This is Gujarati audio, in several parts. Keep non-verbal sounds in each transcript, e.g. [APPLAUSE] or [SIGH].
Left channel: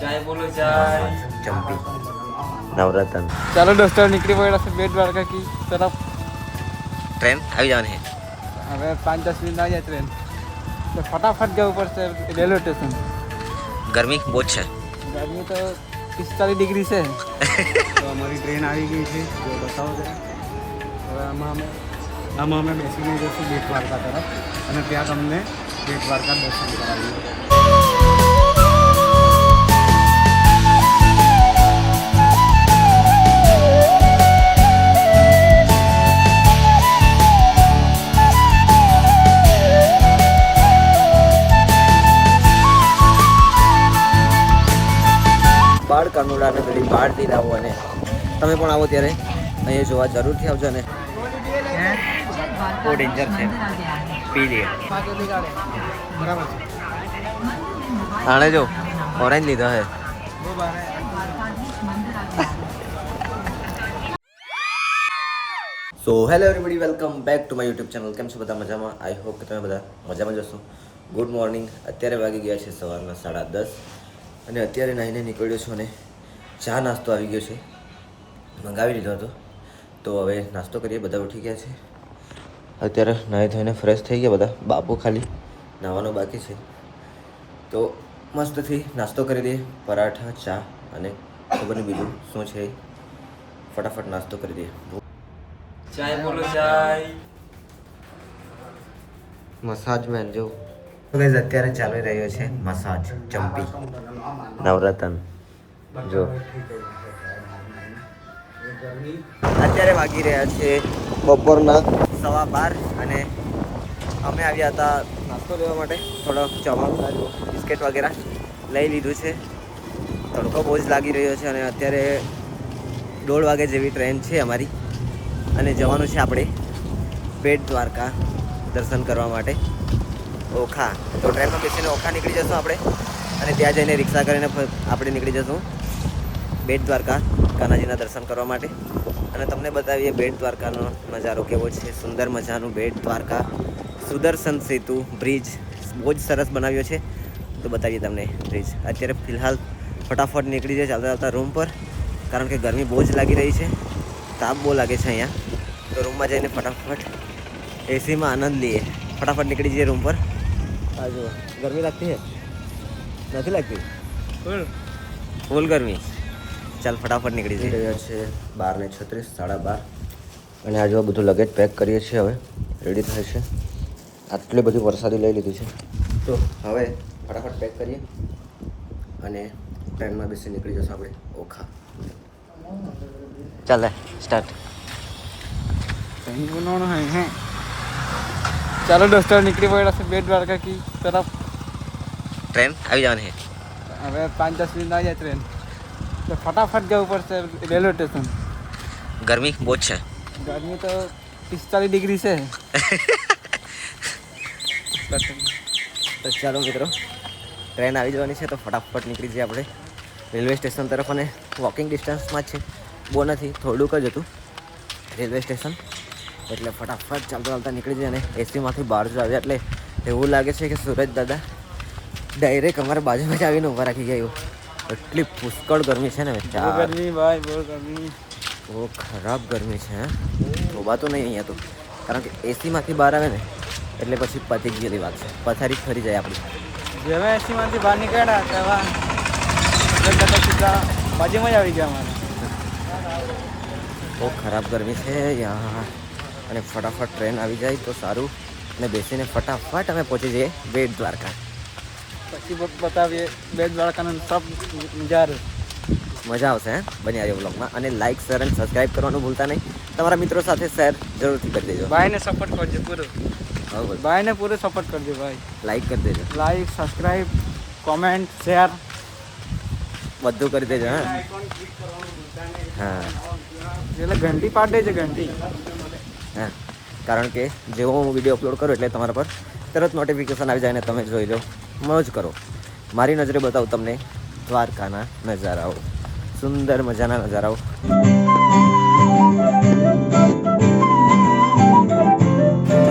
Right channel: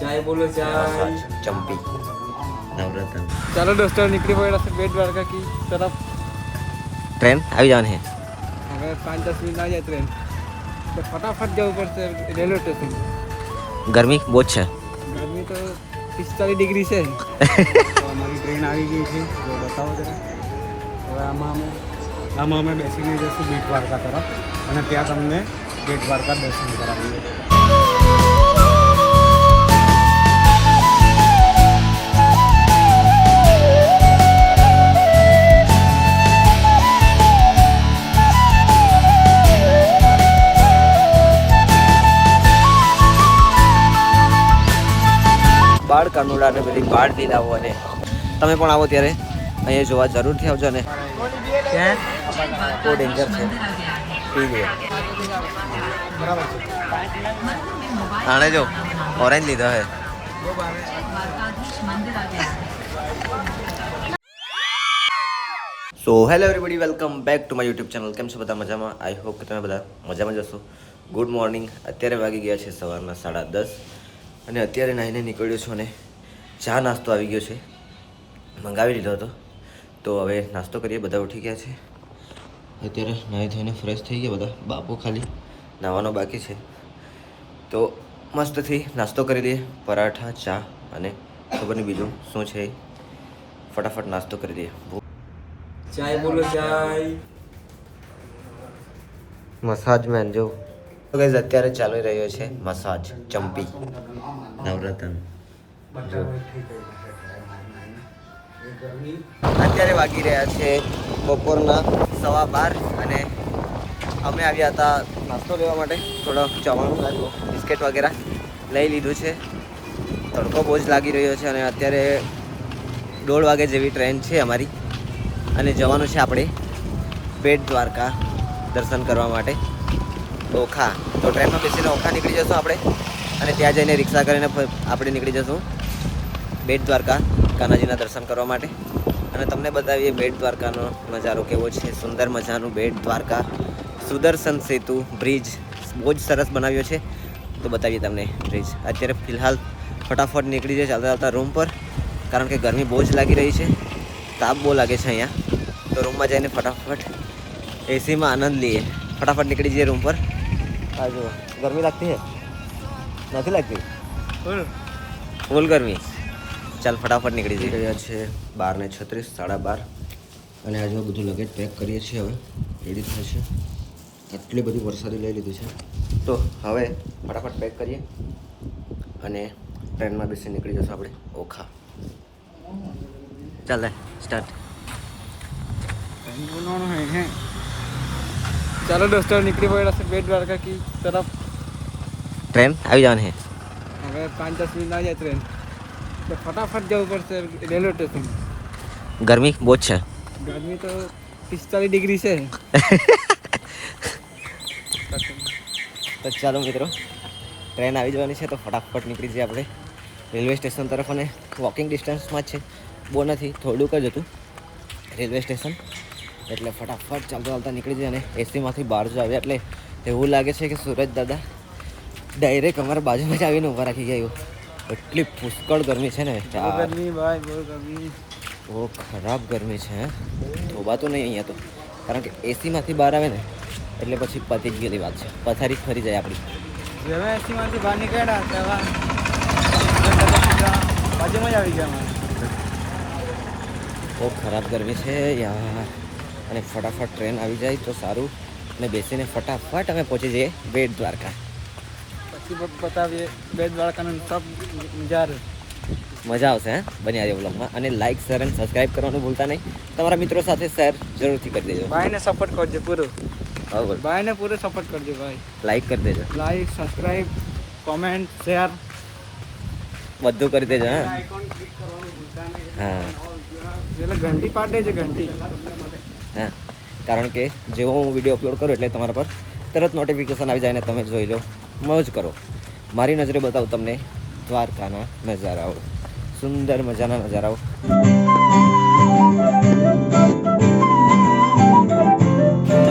ચાય બોલો ચાય ચંપી. નવરત્ન. ચાલો દોસ્તો નીકળી પડ્યા છે બેટ દ્વારકા કી તરફ ટ્રેન? આવી જવાની. હવે પાંચ દસ મિનિટ આવી જાય ટ્રેન. તો ફટાફટ જવું પડશે રેલવે સ્ટેશન. ગરમી બહુ જ છે. ગરમી તો પિસ્તાલીસ ડિગ્રી છે. [LAUGHS] તો અમારી ટ્રેન આવી ગઈ છે. જો બતાવો જરા. હવે આમાં અમે આમાં અમે બેસીને જઈશું બેટ દ્વારકા તરફ. અને ત્યાં તમને બેટ દ્વારકા દર્શન કરાવીએ. કાનુડા ને બધી બાળ લાવો અને તમે પણ આવો ત્યારે. અહીંયા જોવા જરૂરથી આવજો ને બહુ ડેન્જર છે. પી લે. બરાબર આણે જો ઓરેન્જ લીધો હે. So hello everybody welcome back to my YouTube channel કેમ છો બધા મજામાં? આઈ હોપ કે તમે બધા મજામાં જશો ગુડ મોર્નિંગ અત્યારે વાગી ગયા છે સવારના સાડા દસ અને અત્યારે નાહીને નીકળ્યો છું અને ચા નાસ્તો આવી ગયો છે. મંગાવી લીધો હતો. તો હવે નાસ્તો કરીએ બધા ઉઠી ગયા છે. અત્યારે નાહી થઈને ફ્રેશ થઈ ગયા બધા બાપુ ખાલી નાહવાનો બાકી છે. તો મસ્તથી નાસ્તો કરી દઈએ પરાઠા ચા અને ખબર નહીં બીજું શું છે ફટાફટ નાસ્તો કરી દઈએ ચાય બોલો ચાય. મસાજ મેન જો. તો અત્યારે ચાલી રહ્યો છે મસાજ ચંપી. નવરત્ન. અત્યારે વાગી રહ્યા છે બપોરના સવા બાર અને અમે આવ્યા હતા નાસ્તો લેવા માટે. થોડો ચવાણું આ જુઓ બિસ્કિટ વગેરે લઈ લીધું છે. તડકો બહુ જ લાગી રહ્યો છે અને અત્યારે દોઢ વાગે જેવી ટ્રેન છે અમારી. અને જવાનું છે આપણે બેટ દ્વારકા દર્શન કરવા માટે. ઓખા. તો ટ્રેનમાં બેસીને ઓખા નીકળી જશું આપણે અને ત્યાં જઈને રિક્ષા કરીને આપણે નીકળી જશું. બેટ દ્વારકા કાનાજીના દર્શન કરવા માટે. અને તમને બતાવીએ બેટ દ્વારકાનો નજારો કેવો છે. સુંદર મજાનું બેટ દ્વારકા સુદર્શન સેતુ બ્રિજ બહુ જ સરસ બનાવ્યો છે. તો બતાવીએ તમને બ્રિજ. અત્યારે ફિલહાલ ફટાફટ નીકળી જાય ચાલતા ચાલતા રૂમ પર કારણ કે ગરમી બહુ જ લાગી રહી છે. તાપ બહુ લાગે છે અહીંયા. તો રૂમમાં જઈને ફટાફટ એસીમાં આનંદ લઈએ. ફટાફટ નીકળી જઈએ રૂમ પર. આ જુઓ ગરમી લાગતી છે નથી લાગતી? ફૂલ ગરમી. ચાલ ફટાફટ નીકળી જઈ રહ્યા છે બાર ને છત્રીસ સાડા બાર. અને આજુ બધું લગેજ પેક કરીએ છીએ હવે. રેડી થાય છે. આટલી બધી વરસાદી લઈ લીધી છે. તો હવે ફટાફટ પેક કરીએ અને ટ્રેનમાં બેસી નીકળી જશે આપણે. ઓખા. ચાલે સ્ટાર્ટ ચાલો દોસ્તો નીકળી પડ્યા છે બેટ દ્વારકા કી તરફ. ટ્રેન આવી જવાની. હવે પાંચ દસ મિનિટ આવી જાય ટ્રેન તો ફટાફટ જવું પડશે રેલવે સ્ટેશન. ગરમી બહુ જ છે. ગરમી તો પિસ્તાલીસ ડિગ્રી છે. તો ચાલો મિત્રો ટ્રેન આવી જવાની છે તો ફટાફટ નીકળી જઈએ આપણે રેલવે સ્ટેશન તરફ અને વોકિંગ ડિસ્ટન્સમાં જ છે. બહુ નથી થોડુંક જ હતું રેલવે સ્ટેશન. એટલે ફટાફટ ચાલતા ચાલતા નીકળી જઈએ અને એસીમાંથી બહાર જ આવ્યા એટલે એવું લાગે છે કે સુરજ દાદા ડાયરેક્ટ અમારા બાજુમાં જ આવીને ઊભા રાખી ગયા એવું. એટલી પુષ્કળ ગરમી છે ને ગરમી ભાઈ બહુ ગરમી. બહુ ખરાબ ગરમી છે હે. તો નહીં અહીંયા તો. કારણ કે એસીમાંથી બહાર આવે ને એટલે પછી પતી જ ગયેલી વાત છે. પથારી ફરી જાય આપણી. જેવા એસીમાંથી બહાર નીકળ્યા તેવા. એકદમ બધા સીધા બાજુમાં જ આવી ગયા બહુ ખરાબ ગરમી છે યાર. અને ફટાફટ ટ્રેન આવી જાય તો સારું. અને બેસીને ફટાફટ અમે પહોંચી જઈએ બેટ દ્વારકા. બતાવીએ. બેટ દ્વારકાનો ટોપ નજારો મજા આવશે હે? બની આજે વ્લોગમાં. અને લાઇક શેર અને સબસ્ક્રાઇબ કરવાનું ભૂલતા નહીં. તમારા મિત્રો સાથે શેર જરૂરથી કરી દેજો. ભાઈને સપોર્ટ કરજો પૂરો. હા બોલ. ભાઈને પૂરો સપોર્ટ કરજો ભાઈ. લાઇક કરી દેજો. લાઈક સબસ્ક્રાઇબ કોમેન્ટ શેર બધું કરી દેજો હા? આઇકોન ક્લિક કરવાનું ભૂલતા નહીં. હા. એટલે ઘંટી પાડે છે ઘંટી. હા. કારણ કે જેવો હું વીડિયો અપલોડ કરું એટલે તમારા પર તરત નોટિફિકેશન આવી જાય ને તમે જોઈ લો. મોજ કરો. મારી નજરે બતાવું તમને દ્વારકાના નજારાઓ. સુંદર મજાના નજારાઓ.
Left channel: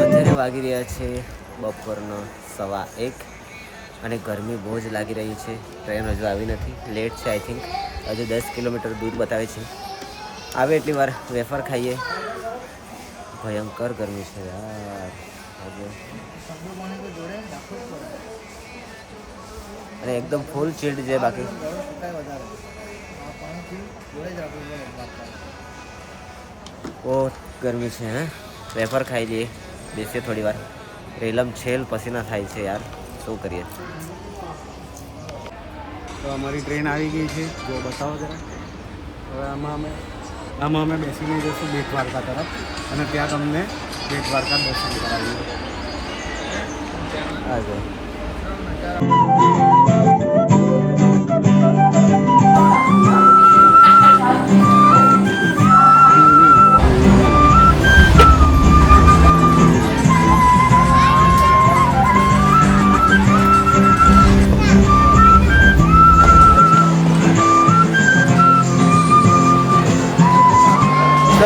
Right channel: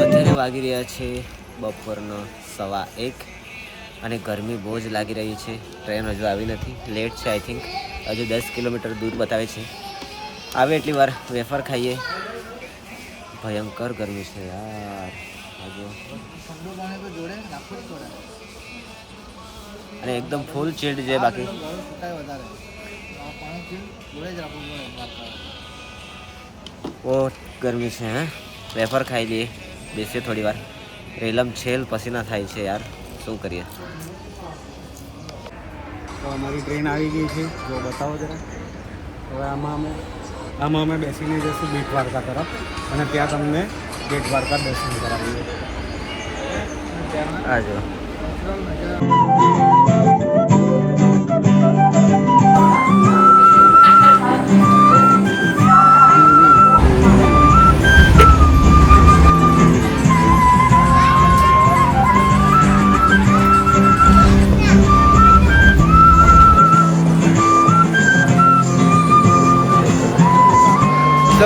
અત્યારે વાગી રહ્યા છે બપોરનો સવા એક અને ગરમી બહુ જ લાગી રહી છે. ટ્રેન હજુ આવી નથી. લેટ છે આઈ થિંક હજુ દસ કિલોમીટર દૂર બતાવે છે. આવે એટલી વાર વેફર ખાઈએ. ભયંકર ગરમી છે યાર. અને એકદમ ફૂલ ચિલ્ડ છે બાકી. બહુ ગરમી છે હે? વેફર ખાઈ લઈએ બેસીએ થોડી વાર. રેલમ છેલ પસીના થાય છે યાર શું કરીએ? તો અમારી ટ્રેન આવી ગઈ છે જો બતાવો જરા. હવે આમાં અમે આમાં અમે બેસીને જઈશું બેટ દ્વારકા તરફ. અને ત્યાં તમને બેટ દ્વારકા દર્શન કરાવીએ આ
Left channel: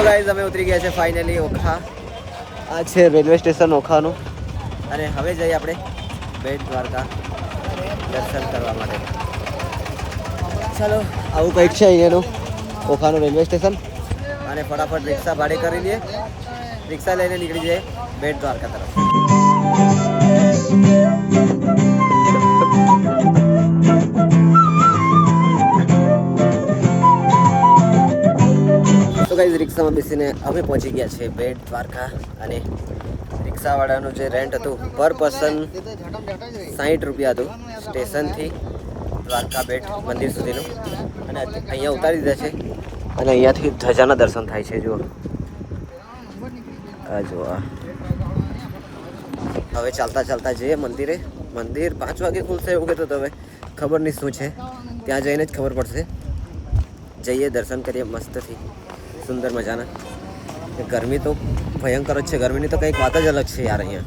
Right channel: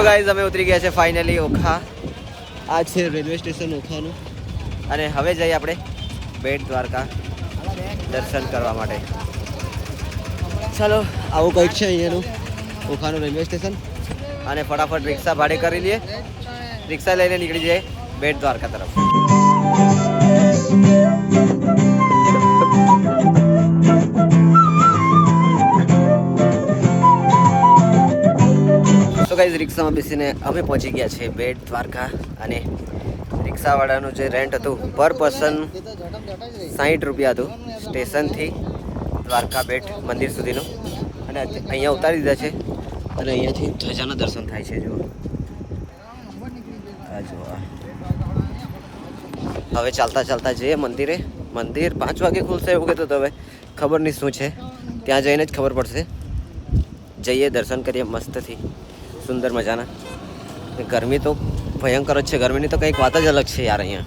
ગાઈઝ અમે ઉતરી ગયા છે ફાઇનલી ઓખા. આ છે રેલવે સ્ટેશન ઓખાનું. અને હવે જઈએ આપણે બેટ દ્વારકા દર્શન કરવા માટે. ચાલો, આવું કંઈક છે અહીંયાનું ઓખાનું રેલવે સ્ટેશન. અને ફટાફટ રિક્ષા ભાડે કરી લઈએ. રિક્ષા લઈને નીકળી જઈએ બેટ દ્વારકા તરફ. કઈ રિક્ષામાં બેસીને અમે પહોંચી ગયા છીએ બેટ, દ્વારકા અને રિક્ષાવાળાનું જે રેન્ટ હતું પર પર્સન સાહીઠ રૂપિયા હતું, સ્ટેશનથી દ્વારકા બેટ મંદિર સુધીનું. અને અહીંયા ઉતારી દીધા છે અને અહીંયાથી ધજાના દર્શન થાય છે, જુઓ. આ હવે ચાલતા ચાલતા જઈએ મંદિરે. મંદિર પાંચ વાગે ખુલશે એવું કહેતો તમે ખબર નહીં શું છે. ત્યાં જઈને જ ખબર પડશે. જઈએ, દર્શન કરીએ મસ્તથી. સુંદર મજાના. ગરમી તો ભયંકર જ છે. ગરમીની તો કંઈક વાત જ અલગ છે યાર અહીંયા.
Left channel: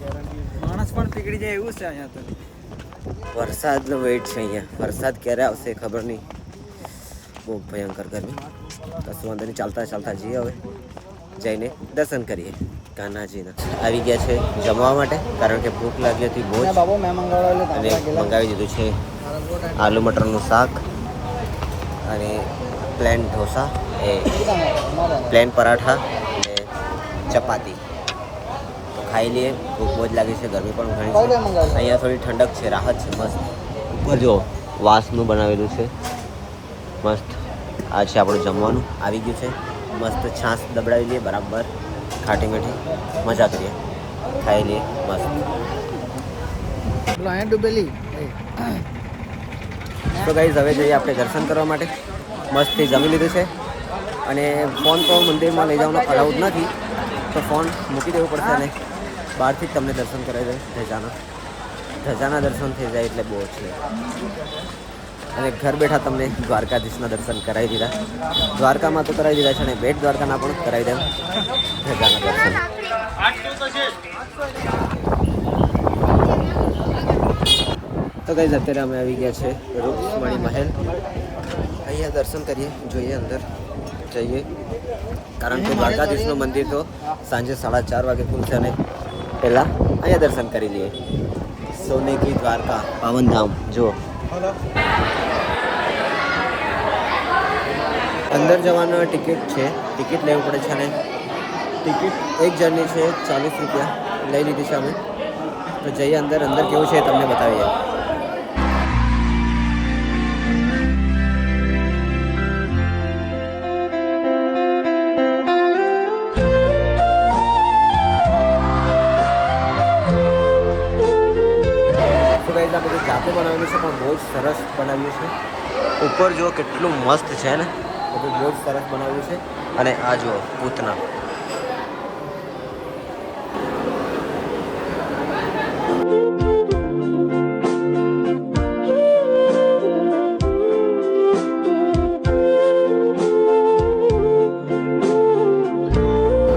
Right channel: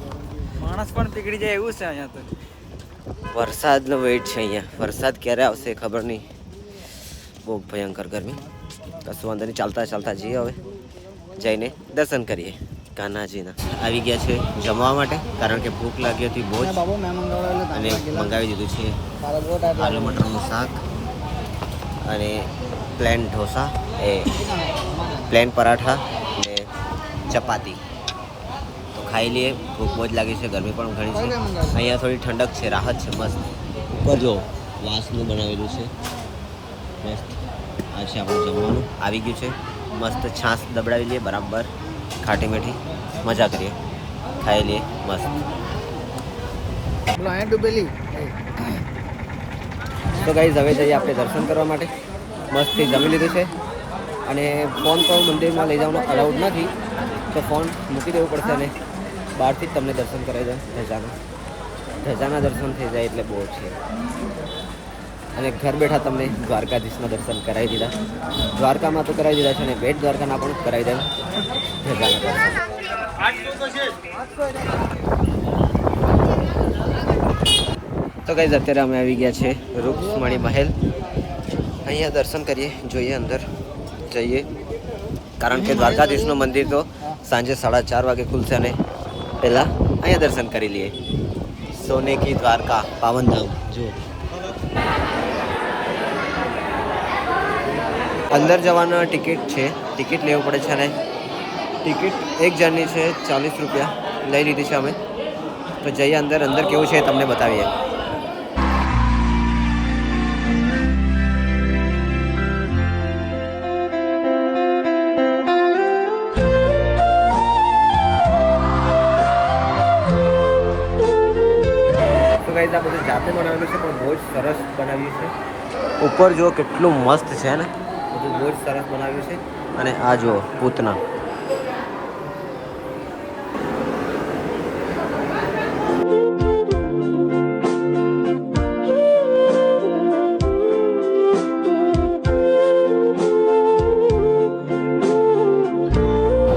માણસ પણ પીગળી જાય એવું છે અહીંયા તો. વરસાદનો વેઇટ છે અહીંયા. વરસાદ ક્યારે આવશે ખબર નહીં. બહુ ભયંકર ગરમી. કશું વાંધો નહીં. ચાલતા ચાલતા જઈએ હવે. જઈને દર્શન કરીએ. કાન્હાજીના આવી ગયા છે જમવા માટે કારણ કે ભૂખ લાગી હતી બહુ અને મંગાવી દીધું છે આલુ મટરનું શાક અને પ્લેન ઢોસા. એ પ્લેન પરાઠા ને ચપાતી. તો ખાઈ લઈએ ભૂખ બહુ જ લાગી છે ગરમી પણ ઘણી છે. અહીંયા થોડી ઠંડક છે રાહત છે મસ્ત. ઉપર જો વાસનું બનાવેલું છે. મસ્ત. આ છે આપણું જમવાનું. આવી ગયું છે. મસ્ત છાશ દબડાવી લઈએ બરાબર. ખાટી મીઠી. મજા કરીએ. ખાઈ લઈએ મસ્ત. તો ગાઈઝ હવે જઈએ આપણે દર્શન કરવા માટે. મસ્તથી જમી લીધું છે. અને ફોન તો મંદિરમાં લઈ જવાનો અલાઉડ નથી, તો ફોન મૂકી દેવું પડશે અને બહારથી જ તમને દર્શન કરાવી દે ધજાના. ધજાના દર્શન થઈ જાય એટલે બહુ છે અને ઘર બેઠા તમને દ્વારકાધીશના દર્શન કરાવી દીધા. દ્વારકામાં તો કરાવી દીધા છે અને બેટ દ્વારકાના પણ કરાવી દે ધજાના દર્શન. તો કઈ અત્યારે અમે આવી ગયા છે રૂપમણી મહેલ. અહીંયા દર્શન કરીએ, જોઈએ અંદર. જઈએ કારણ કે દ્વારકાધીશનું મંદિર તો સાંજે સાડા ચાર વાગે ખુલશે અને પહેલાં અહીંયા દર્શન કરી લઈએ સોને કી દ્વારકા પાવનધામ જુઓ અંદર જવાનો ટિકિટ છે ટિકિટ લેવું પડે છે અને ટિકિટ એક જણની છે ચાલીસ રૂપિયા લઈ લીધી છે અમે તો જઈએ અંદર અંદર કેવું છે તમને બતાવીએ જાતે બનાવેલું છે પણ બહુ જ સરસ બનાવ્યું છે. ઉપર જુઓ કેટલું મસ્ત છે ને? બધું બહુ જ સરસ બનાવ્યું છે. અને આ જુઓ પૂતના.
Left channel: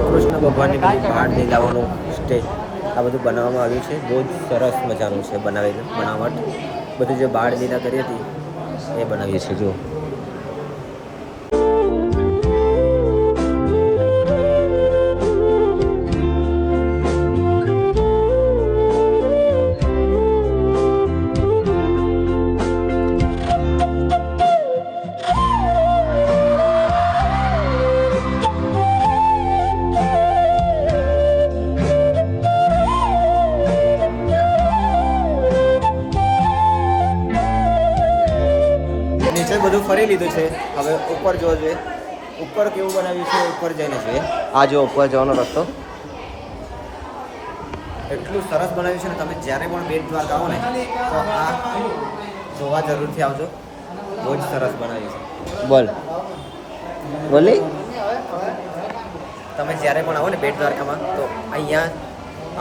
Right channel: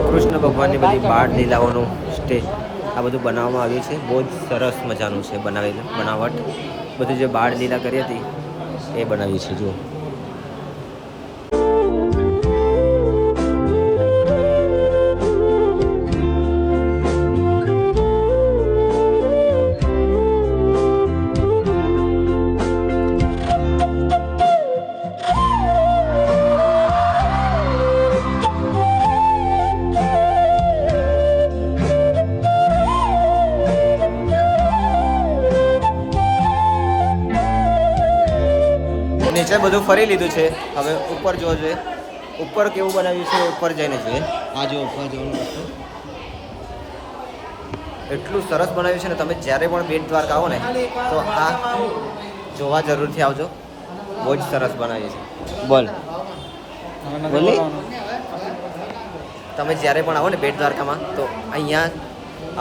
કૃષ્ણ ભગવાનની બધી બાળ લીલાઓનું સ્ટેજ. આ બધું બનાવવામાં આવ્યું છે. બહુ જ સરસ મજાનું છે બનાવેલું, બનાવટ. બધું જે બાળ લીલા કરી હતી, એ બનાવી છે, જુઓ. ફરી લીધું છે. હવે ઉપર જોવો જોઈએ. ઉપર કેવું બનાવ્યું છે, ઉપર જઈને જોઈએ. આ જો ઉપર જવાનો રસ્તો. એટલું સરસ બનાવ્યું છે ને, તમે જ્યારે પણ બેટ દ્વારકા આવો ને, તો આ જોવા જરૂરથી આવજો. બહુ જ સરસ બનાવ્યું છે. બોલ. બોલી તમે જ્યારે પણ આવો ને બેટ દ્વારકામાં, તો અહીંયા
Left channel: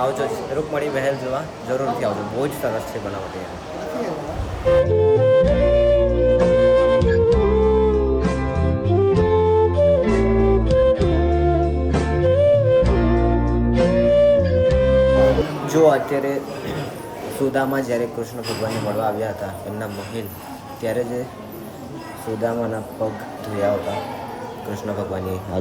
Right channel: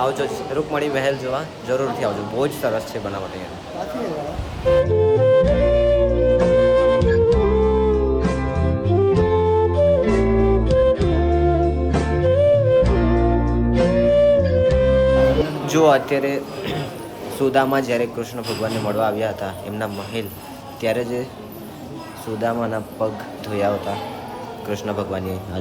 આવજો રૂકમણી મહેલ જોવા જરૂરથી આવજો. બહુ જ સરસ છે બનાવટ અહીંયા. અત્યારે સુદામા જ્યારે કૃષ્ણ ભગવાનને મળવા આવ્યા હતા, એમના મહેલ, ત્યારે જે સુદામાના પગ ધોયા હતા, કૃષ્ણ ભગવાનની આ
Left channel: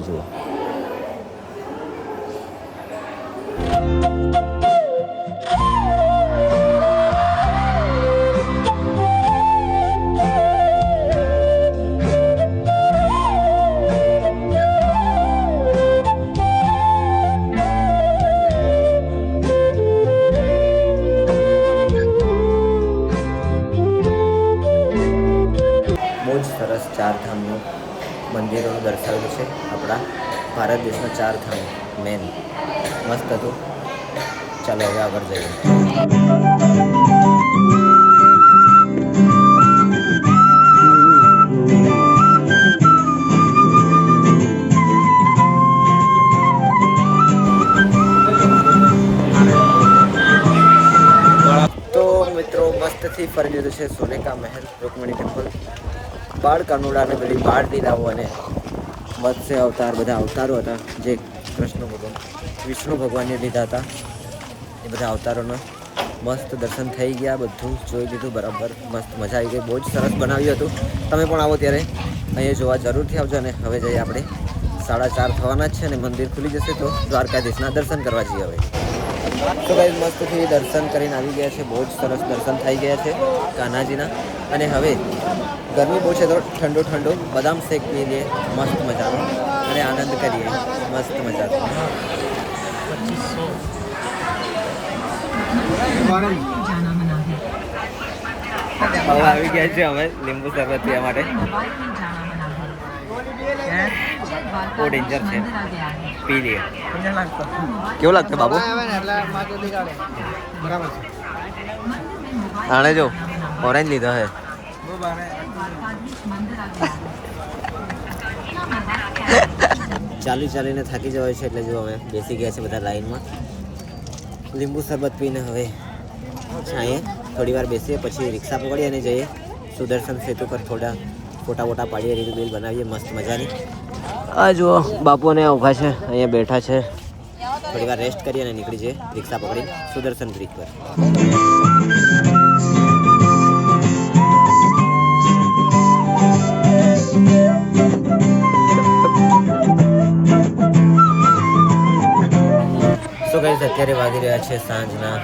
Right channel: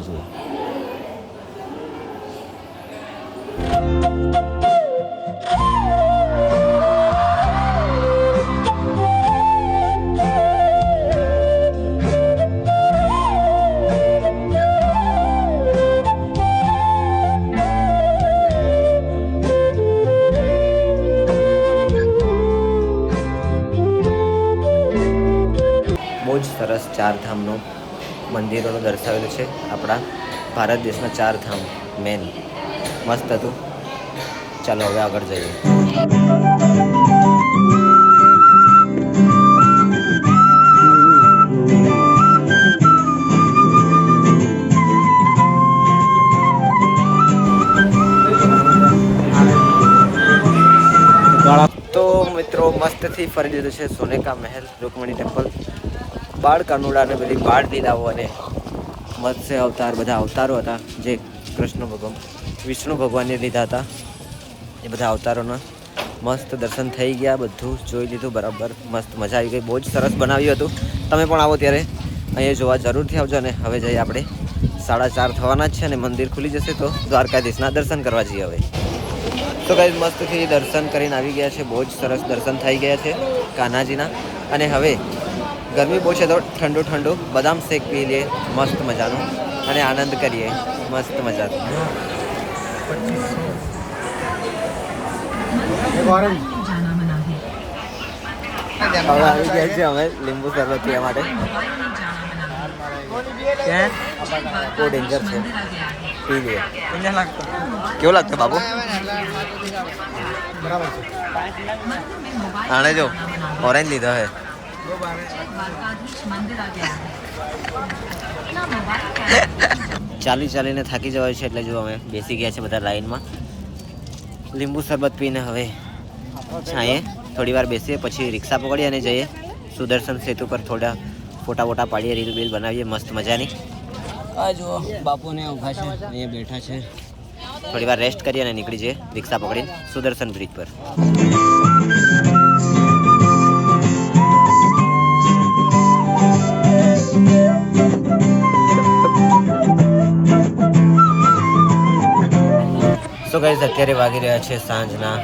ધામનો મંદિરોનું દર્શાવેલું છે. આપણા ભારત દેશના ચાર ધામ મેન મસ્ત હતું. ચાલો હવે આગળ જઈએ. મસ્તથી ફરી લીધું છે સોનેકા મહેલ, રૂકમણી ટેમ્પલ. બાળ કાનુડાને બધી બાળ લીલાઓ અને મત્સ્ય અવતાર, બધા અવતારો હતા. જે કૃષ્ણ ભગવાન, વિષ્ણુ ભગવાનને લીધા હતા. એ બધા અવતારોના મસ્ત દર્શન થઈ ગયા, બધું જોઈ લીધું, બરાબર, મસ્ત મજા આવી ગઈ. બહુ જ સરસ બનાવ્યું હતું. તમે પણ આવો ત્યારે. અહીંયા જોવા જરૂરથી આવજો ને હવે જઈએ આપણે. સાડા ચાર થવાના જ છે અને મંદિર ખુલી જશે તો દ્વારકાધીશના દર્શન કરવા જઈએ હવે. તો કઈ મસ્તથી દર્શન કરીને આવી ગયા છે. બહુ જ સરસ દર્શન થઈ ગયા છે કાન્હાજીના અને હવે ગરમી બહુ છે તો ઠંડુ ઠંડુ બદામ શેક પી લઈએ મસ્ત મજાનો. અને આનંદ કરીએ મસ્ત મજાનો. હવે આવી ગયા છે અમે લીંબુ શરબત પીવા માટે. બહુ ડેન્જર છે. પી લઈએ. કેવું લાગતું બાબુ? બરાબર છે. આણે જો. ઓરેન્જ લીધો હે ચાલી ચાલીને થાકી જવાય છે એટલે જો અમે બેસી ગયા છે બધા લાઈનમાં. લીંબુ શરબત પીને હવે છાંયે થોડી વાર બેસીએ, પછી રિક્ષા પકડીએ અને જઈએ. સુદર્શન સેતુ પર થોડા ફોટા વોટા પાડીએ, રીલ બીલ બનાવીએ, મસ્ત મજાની. આ જુઓ બાપુને ઊભા છે, અહીંયા બેઠા છે. થોડી વાર રેસ્ટ કરીએ અને નીકળી જઈએ રિક્ષા પકડીને સુદર્શન બ્રિજ પર. સો ગાઈઝ અત્યારે વાગી રહ્યા છે સાંજના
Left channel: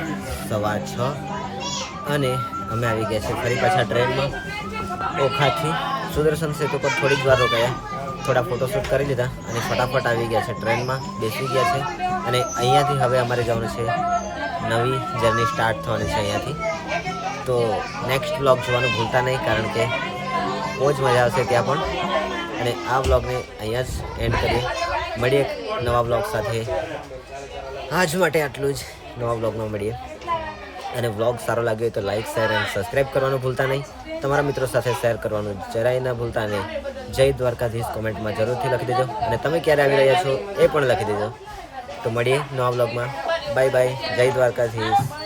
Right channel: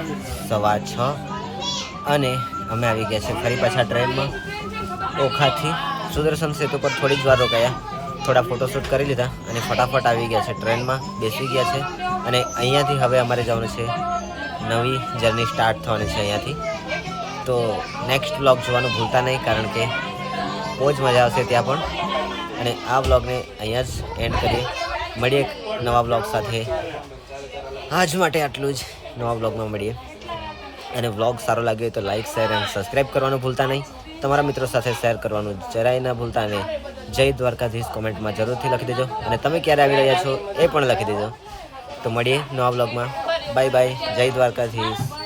સવા છ અને અમે આવી ગયા છે ફરી પાછા ટ્રેનમાં ઓખાથી. સુદર્શન સેતુ પર થોડી જ વાર રોકાયા થોડા ફોટોશૂટ કરી લીધા અને ફટાફટ આવી ગયા છે ટ્રેનમાં, બેસી ગયા છે અને અહીંયાથી હવે અમારે જવાનું છે. નવી જર્ની સ્ટાર્ટ થવાની છે અહીંયાથી. તો નેક્સ્ટ બ્લોગ જોવાનું ભૂલતા નહીં, કારણ કે બહુ જ મજા આવશે ત્યાં પણ. અને આ બ્લોગને અહીંયા જ એન્ડ કરીએ. મળીએ નવા બ્લોગ સાથે. આજ માટે આટલું જ. નવા બ્લોગમાં મળીએ. અને વ્લોગ સારો લાગ્યો હોય તો લાઈક શેર અને સબસ્ક્રાઈબ કરવાનું ભૂલતા નહીં. તમારા મિત્રો સાથે શેર કરવાનું જરાય ના ભૂલતા અને જય દ્વારકાધીશ કોમેન્ટમાં જરૂરથી લખી દેજો. અને તમે ક્યારે આવી રહ્યા છો એ પણ લખી દેજો. તો મળીએ નવા બ્લોગમાં બાય બાય જય દ્વારકાધીશ.